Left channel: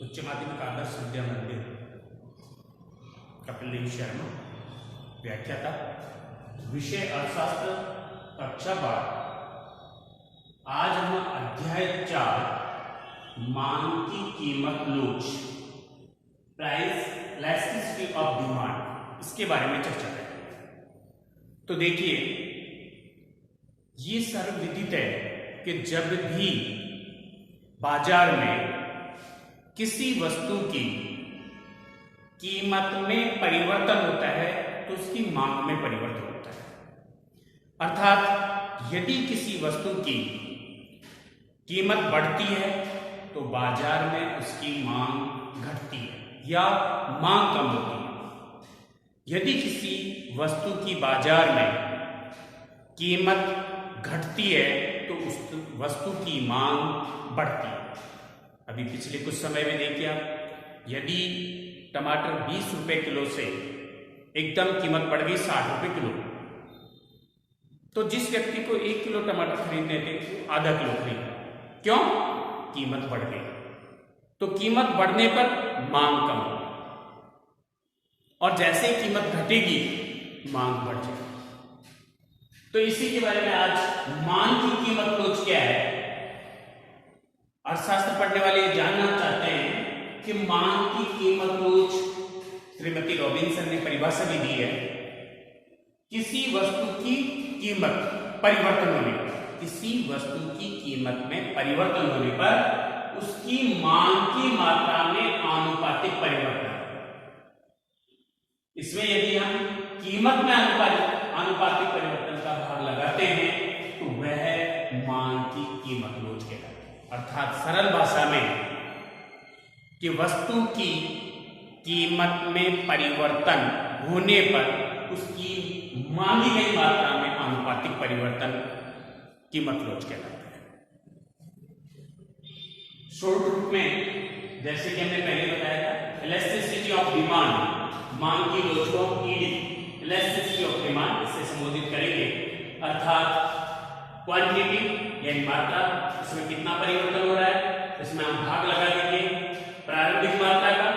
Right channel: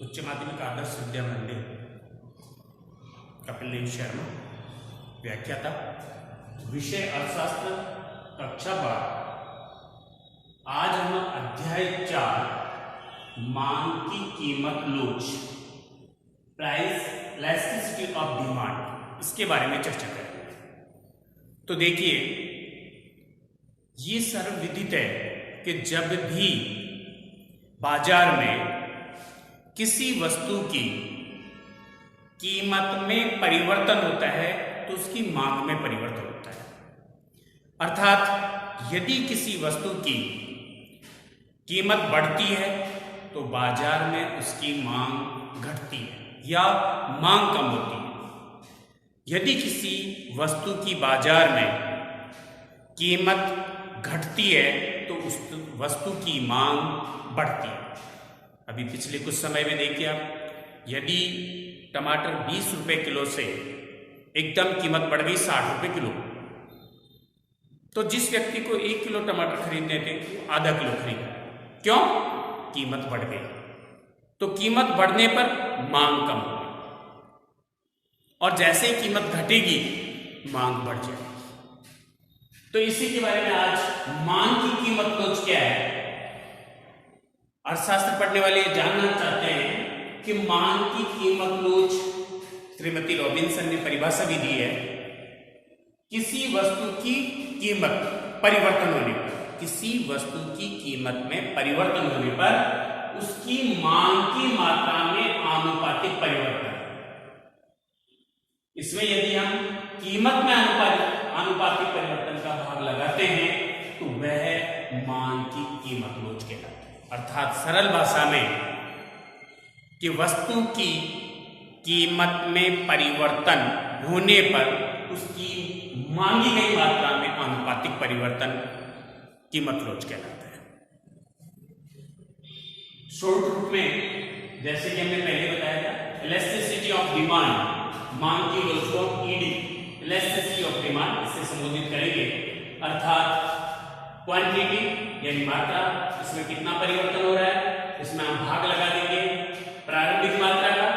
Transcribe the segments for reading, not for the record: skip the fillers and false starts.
उच्च माध्यमिक आदर्श विद्या मंदिर, कपिल शर्मा, व्याख्याता, विषय अर्थशास्त्र, कक्षा 12। आज हम अध्याय 4 मांग की कीमत लोच, प्राइस इलास्टिसिटी ऑफ डिमांड, इसके बारे में चर्चा करेंगे। तो देखिए, ये सर्वविदित है कि जब भी बाजार में किसी वस्तु की कीमत में परिवर्तन होता है तो उसकी मांग में परिवर्तन होता है। अर्थात यदि किसी वस्तु की कीमत बढ़ती है तो बाजार में उसकी मांग घटती है या मांग कम होती है। यदि किसी वस्तु की बाजार में कीमत घटती है तो उस वस्तु की मांग बढ़ती है। अभी पिछले कुछ समय में देखिए आप, यदि टमाटर 20 रुपए किलो से एकदम कीमत बढ़ गई 60 रुपए किलो, तो जिस व्यक्ति को 1 किलो टमाटर खरीदने थे वो आधा किलो खरीदा। क्यों? कीमत बढ़ गई। तो कीमत बढ़ने पर मांग कम हो गई, और जैसे ही कीमत घटेगी मांग बढ़ जाएगी। तो इसी के बारे में आज मांग की कीमत लोच क्या है। अर्थशास्त्र पढ़ने वाले जानना चाहते हैं कि मांग की कीमत लोच, श्रीमती रॉबिन्सन ने परिभाषा भी दी है, किसी वस्तु की कीमत परिवर्तन होने पर, किसी वस्तु की कीमत में परिवर्तन होने पर उसकी मांग की मात्रा में आनुपातिक परिवर्तन। इसमें यदि हम कीमत में आनुपातिक परिवर्तन का भाग लगाते हैं तो वह मांग की कीमत लोच कहलाती है। अर्थात सरल भाषा में कि वस्तु की कीमत में परिवर्तन होने पर उसकी मांगी गई मात्रा में आनुपातिक परिवर्तन कीमत लोच कहलाता है। शॉर्ट रूप में, जैसे कि हमने पहले बताया था, इलास्टिसिटी ऑफ डिमांड, मांग की लोच को ईडी, इलास्टिसिटी ऑफ डिमांड से संबोधित करेंगे। अर्थात क्वांटिटी यानी मात्रा, इसमें कितना परिवर्तन हो रहा है, इसमें हम भाग लगा देंगे प्रारंभिक मात्रा का,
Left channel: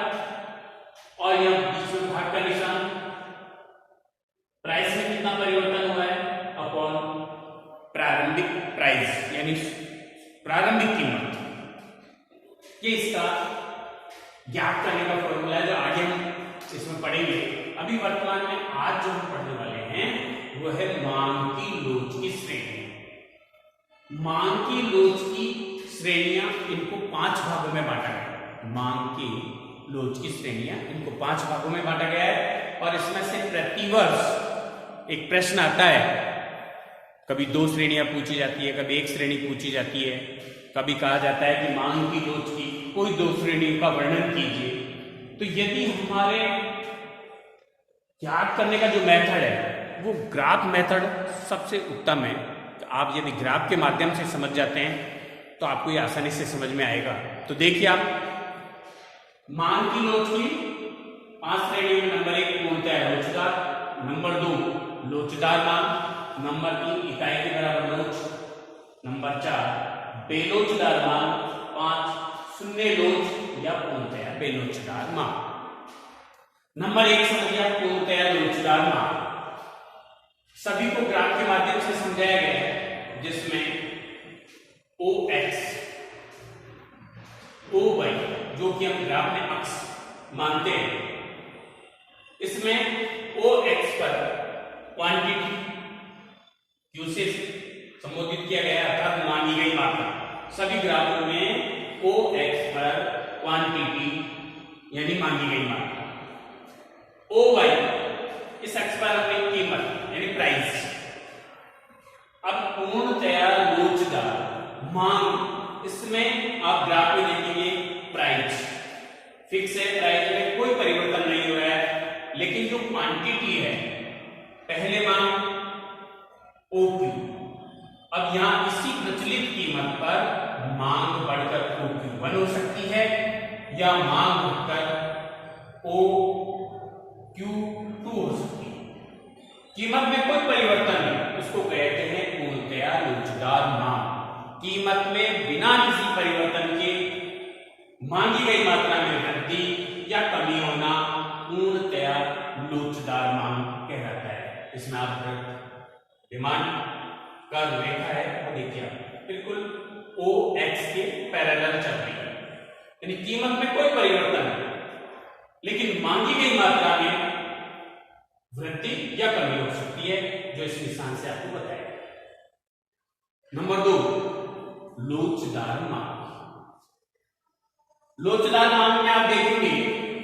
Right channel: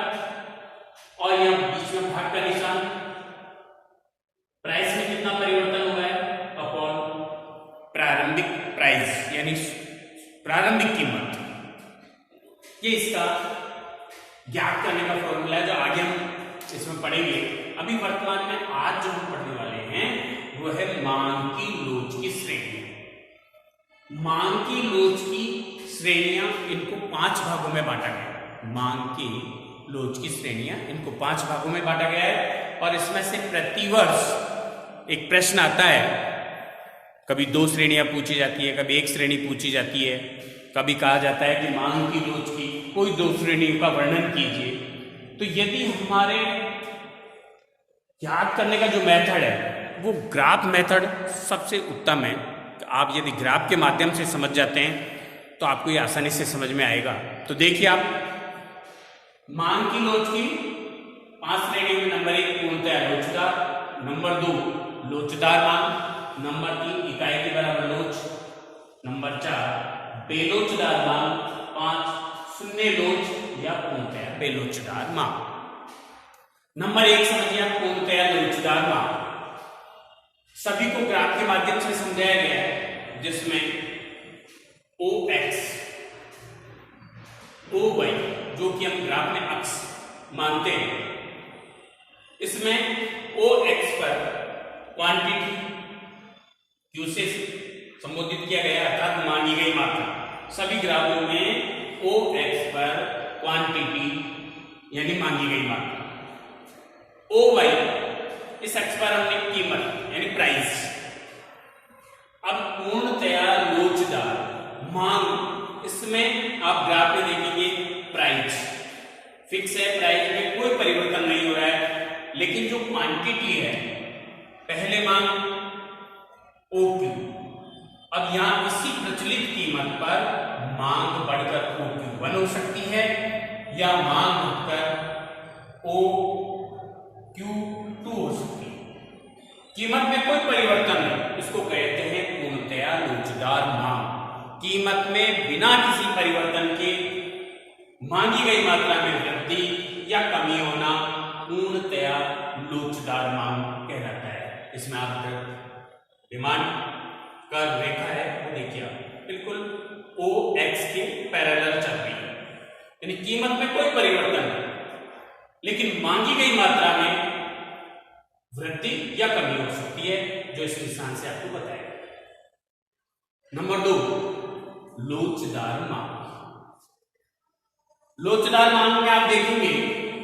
और यह बीच में भाग का निशान, प्राइस में कितना परिवर्तन हुआ है अपॉन प्रारंभिक प्राइस यानी प्रारंभिक कीमत। ये इसका ज्ञात करने का फॉर्मूला है जो आगे हम इसमें पढ़ेंगे। अभी वर्तमान में आज जो हम पढ़ने वाले हैं वो है मांग की लोच की श्रेणी। मांग की लोच की श्रेणियां, इनको 5 भागों में बांटा गया है। मांग की लोच की श्रेणियां, इनको 5 भागों में बांटा गया है, और इसमें से प्रतिवर्ष एक प्रश्न आता है। कभी 2 श्रेणियां पूछी जाती है, कभी 1 श्रेणी पूछी जाती है, कभी कहा जाता है कि मांग की लोच की कोई 2 श्रेणियों का वर्णन कीजिए। तो यदि हमारे याद करने का जो मेथड है वो ग्राफ मेथड सबसे उत्तम है। आप यदि ग्राफ के माध्यम से समझ जाते हैं तो आपको ये आसानी से समझ में आएगा। तो देखिए, आप मांग की लोच की 5 श्रेणियों में नंबर 1 पूर्णतया लोचदार, नंबर 2 लोचदार मांग, नंबर 3 इकाई के बराबर लोच, नंबर 4 बेलोचदार मांग, 5 शून्य लोच या पूर्णतया बेलोचदार मांग। नंबर 1 समझिए, पूर्णतया लोचदार मांग। सभी को ग्राफ के माध्यम से समझाया गया है, जिसमें OX, OY जो कि हम ग्राफ में अक्ष मानते हैं, इसमें OX पर क्वांटिटी Q से संबोधित किया गया, अर्थात मांगी गई मात्रा। सभी ग्राफों में OX पर क्वांटिटी यानी मांगी गई मात्रा, OY इस अक्ष पर हमने कीमत यानी प्राइस। अब पूर्णतया लोचदार मांग, इसमें आप ग्राफ में देखेंगे प्राइस फिक्स है, प्राइस में कोई परिवर्तन नहीं हो रहा है, लेकिन जो क्वांटिटी है, पहले मांग OQ, अब यहां इसी प्रचलित कीमत पर मांग बढ़कर OQ1 हो सकती है या मांग घटकर OQ2 हो सकती है। कीमत में कोई परिवर्तन नहीं, उसको कहते हैं पूर्णतया लोचदार मांग। कीमत में बिना किसी परिवर्तन के मांगी गई मात्रा में वृद्धि या कमी होना पूर्णतया लोचदार मांग कहलाता है। इसमें आप डिमांड का रेखा है वो देखिए, बिल्कुल ओ एक्स के पैरेलल चल रही है, यानी कीमत में कोई परिवर्तन नहीं, लेकिन मांगी गई मात्रा में वृद्धि या कमी हो सकती है, जो इस निशान से आपको बताया। नंबर 2, लोचदार मांग। लोचदार मांग में आप देखेंगे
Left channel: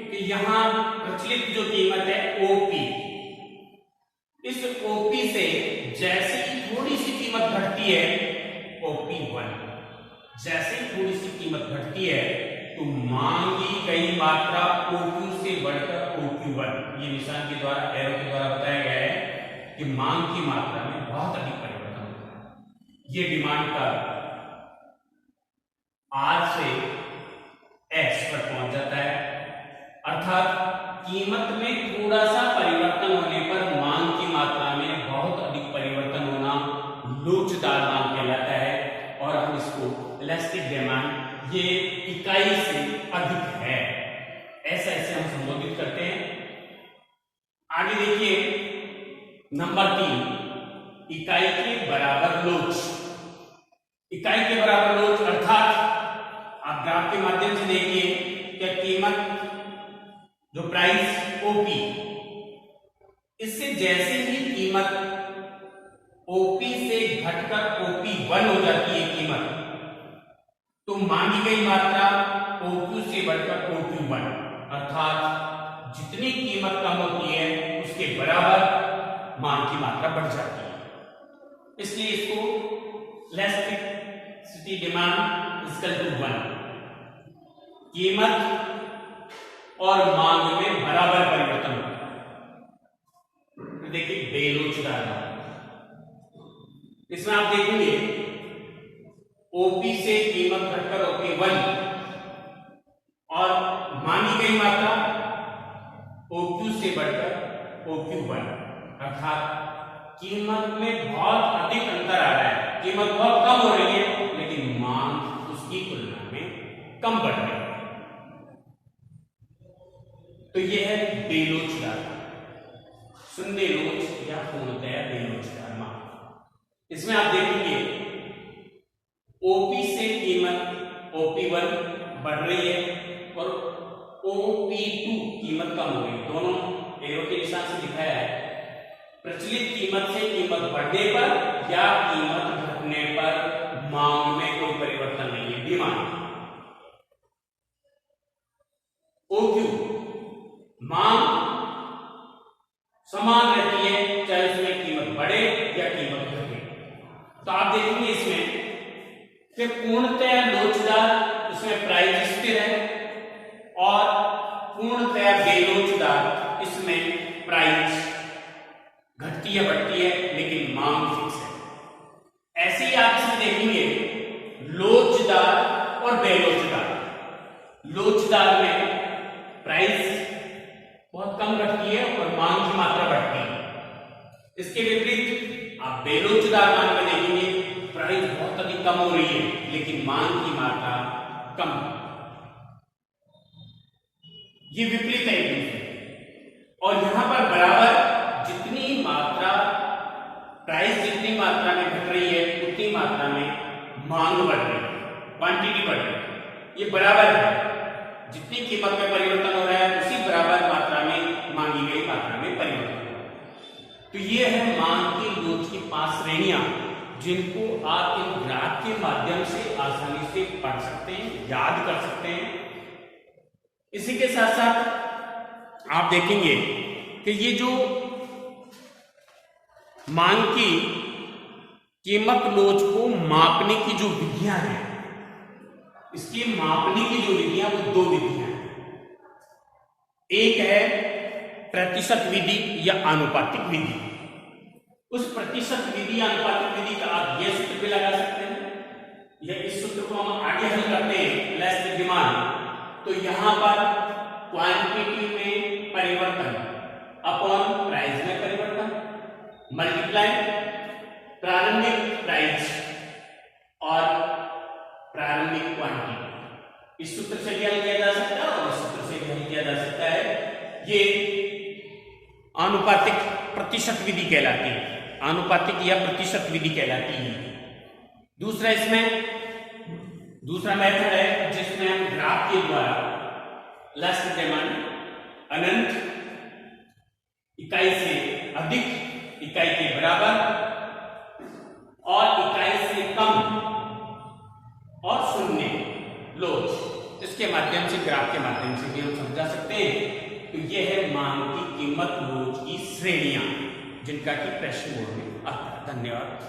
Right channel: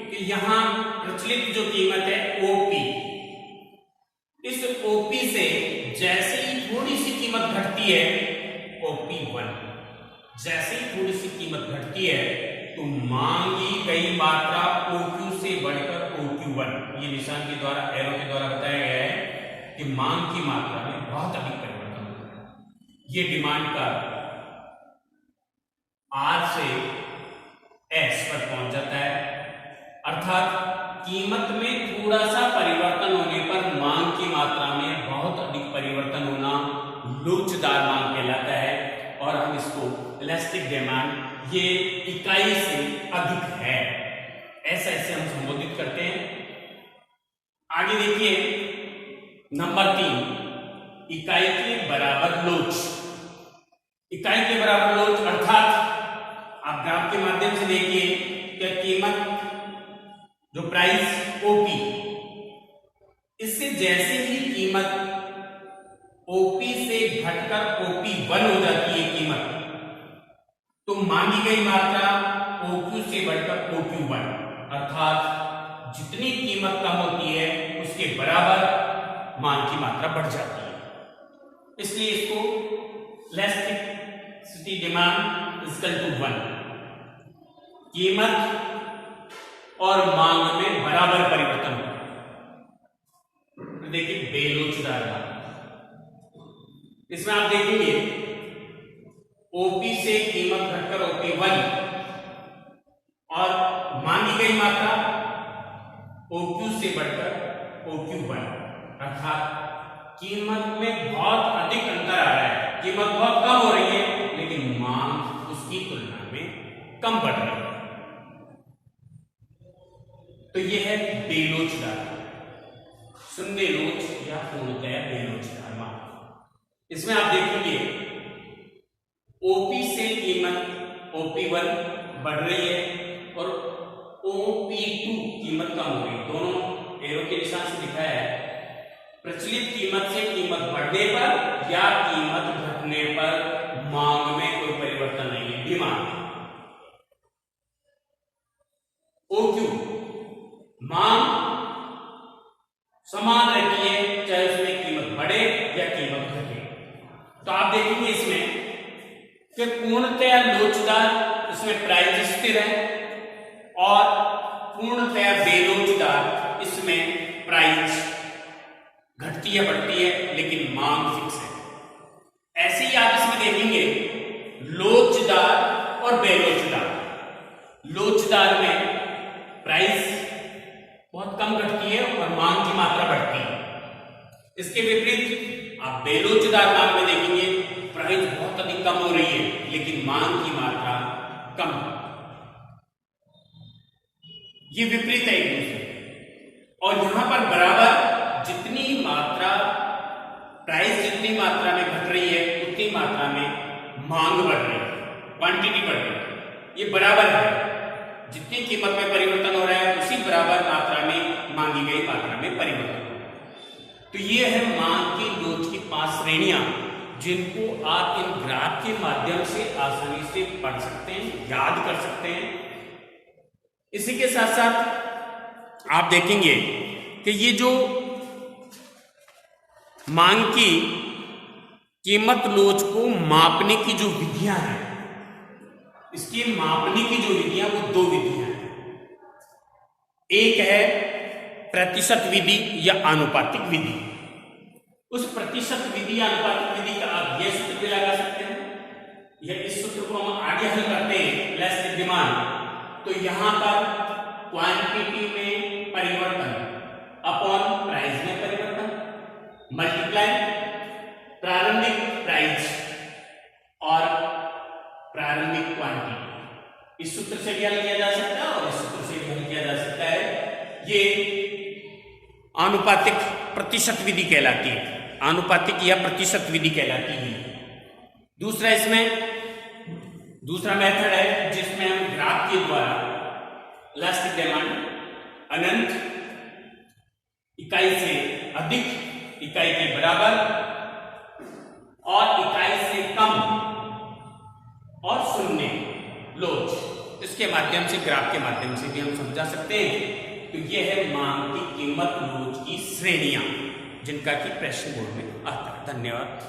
कि यहां प्रचलित जो कीमत है ओपी, इस ओपी से जैसे ही थोड़ी सी कीमत घटती है OP1, जैसे ही थोड़ी सी कीमत घटती है तो मांगी गई मात्रा OQ से बढ़कर OQ1, ये निशान के द्वारा, एरो के द्वारा बताया गया है कि मांग की मात्रा में बहुत अधिक परिवर्तन होता है। ये डिमांड का R से S पर पहुंच जाता है, अर्थात कीमत में थोड़ा सा परिवर्तन होने पर मांग की मात्रा में बहुत अधिक परिवर्तन होना लोचदार मांग कहलाता है, और हम इसको इलास्टिक डिमांड, ये इकाई से अधिक है, ऐसा ऐसे हम संबोधित करते हैं। आगे देखिए नंबर 3, इकाई के बराबर लोच। इकाई के बराबर लोच अर्थात आप ग्राफ के माध्यम से देखिए कि कीमत जो प्राइस ओपी, इससे जैसे ही कीमत ओपी से घटकर OP1 हो जाती है कीमत, तो मांगी गई मात्रा OQ से बढ़कर OQ1, अर्थात जितनी कीमत कम होती है उसके बराबर मांग की मात्रा बढ़ जाती है। इसलिए इसको इलास्टिसिटी डिमांड इक्वल टू 1, कीमत और मांग में बराबर परिवर्तन होता है। देखिए बेलोचदार मांग, इसमें आप देखेंगे ओपी से कीमत घटकर OP1 और मांगी गई मात्रा OQ से बढ़कर OQ1, अर्थात कीमत में बहुत अधिक अंतर आ रहा है, कीमत बहुत कम हो रही है लेकिन मांग उसकी तुलना में कम बढ़ रही है। तो यह है बेलोचदार, शून्य लोच या पूर्णतया बेलोचदार मांग। इसमें आप देखेंगे ओपी से कीमत OP1 बढ़ रही है और OP2 कीमत कम हो रही है, दोनों एरो के निशान से दिखाया है। प्रचलित कीमत से कीमत बढ़ने पर या कीमत घटने पर मांग में कोई परिवर्तन नहीं है, डिमांड। OQ, मांग समान रहती है चाहे उसमें कीमत बढ़े या कीमत घटे। तो आप देखेंगे इसमें कि पूर्णतया लोचदार, इसमें प्राइस स्थिर है, और पूर्णतया बेलोचदार, इसमें प्राइस घटती है बढ़ती है लेकिन मांग फिक्स है। ऐसे ही आप इसमें देखेंगे लोचदार और बेलोचदार। लोचदार में प्राइस बहुत कम घटती है और मांग की मात्रा बढ़ती है। इसके विपरीत आप बेलोचदार मांग में देखेंगे प्राइस बहुत अधिक कम हो रही है लेकिन मांग की मात्रा कम। ये विपरीत है एक दूसरे, और यहां पर बराबर जितनी मात्रा, प्राइस जितनी मात्रा में घट रही है उतनी मात्रा में मांग बढ़ रही है, क्वांटिटी बढ़ रही है। ये बराबर है, जितनी कीमत में परिवर्तन हो रहा है उसी बराबर मात्रा में मांगी गई मात्रा में परिवर्तन हो रहा है। तो ये है मांग की लोच की 5 श्रेणियां, जिनको आप इन ग्राफ के माध्यम से आसानी से पढ़ सकते हैं, याद कर सकते हैं। इसी के साथ साथ आप देखेंगे कि ये जो मांग की कीमत लोच को मापने की जो विधियां हैं, इसकी मापने की जो विधियां वो 2 विधियां हैं। एक है प्रतिशत विधि या आनुपातिक विधि। उस प्रतिशत विधि या आनुपातिक विधि का आप यह सूत्र भी लगा सकते हैं, या इस सूत्र को हम आगे हल करते हैं इलास्टिक डिमांड। तो यहां पर क्वांटिटी में परिवर्तन अपॉन प्राइस में परिवर्तन मल्टीप्लाई प्रारंभिक प्राइस और प्रारंभिक क्वांटिटी, इस सूत्र से भी हल किया जा सकता है और इस सूत्र से भी हल किया जा सकता है। ये आनुपातिक प्रतिशत विधि कहलाती है, आनुपातिक या प्रतिशत विधि कहलाती है। दूसरा इसमें दूसरा मेथड है जिसमें हम ग्राफ के द्वारा लास्ट डिमांड अनंत इकाई से अधिक इकाई के बराबर और इकाई से कम और शून्य लोच, इसके माध्यम से ग्राफ के माध्यम से भी हम समझा सकते हैं। तो यह है मांग की कीमत लोच की श्रेणियां जिनका कि प्रश्न बोर्ड में आता है। धन्यवाद।